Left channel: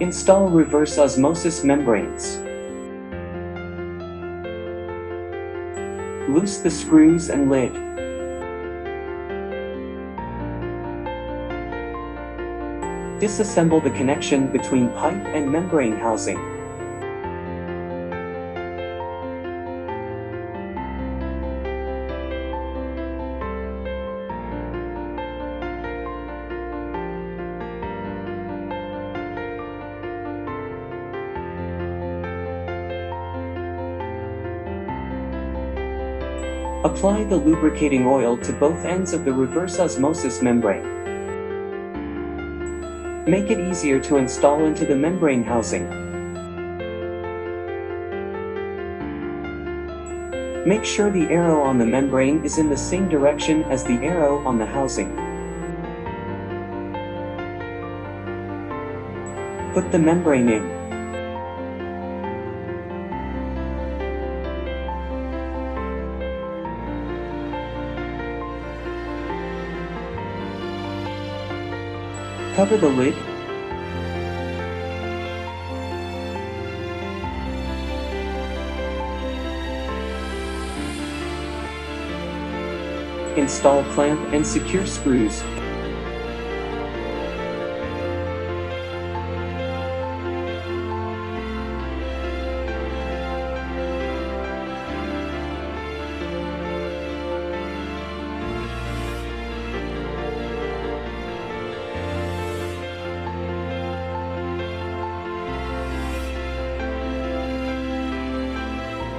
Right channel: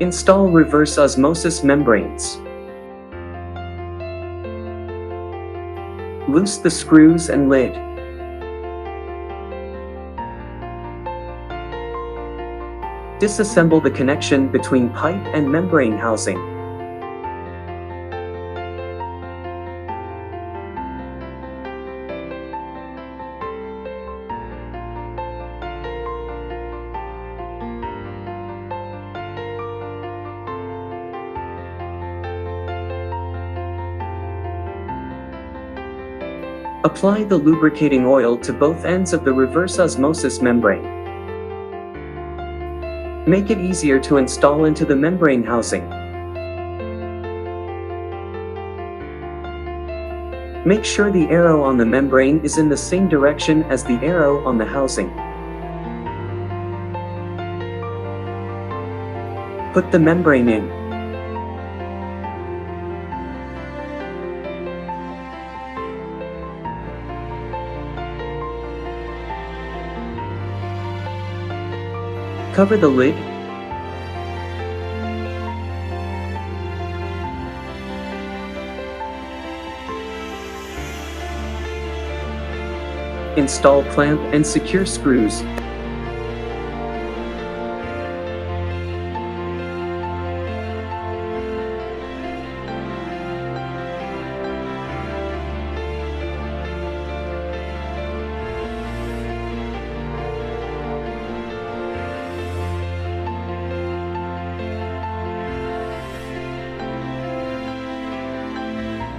Install reverse osmosis membranes. Loose the screws and lid. Disassemble the connection between pipe and membrane housing. Apply the lubricating oil to both ends of the reverse osmosis membrane. Make it easier to install into the membrane housing. Make sure the arrow on the membrane is in the same direction as the arrow on the housing. Put the membrane in. Cover the lid. Install clamp and secure screws.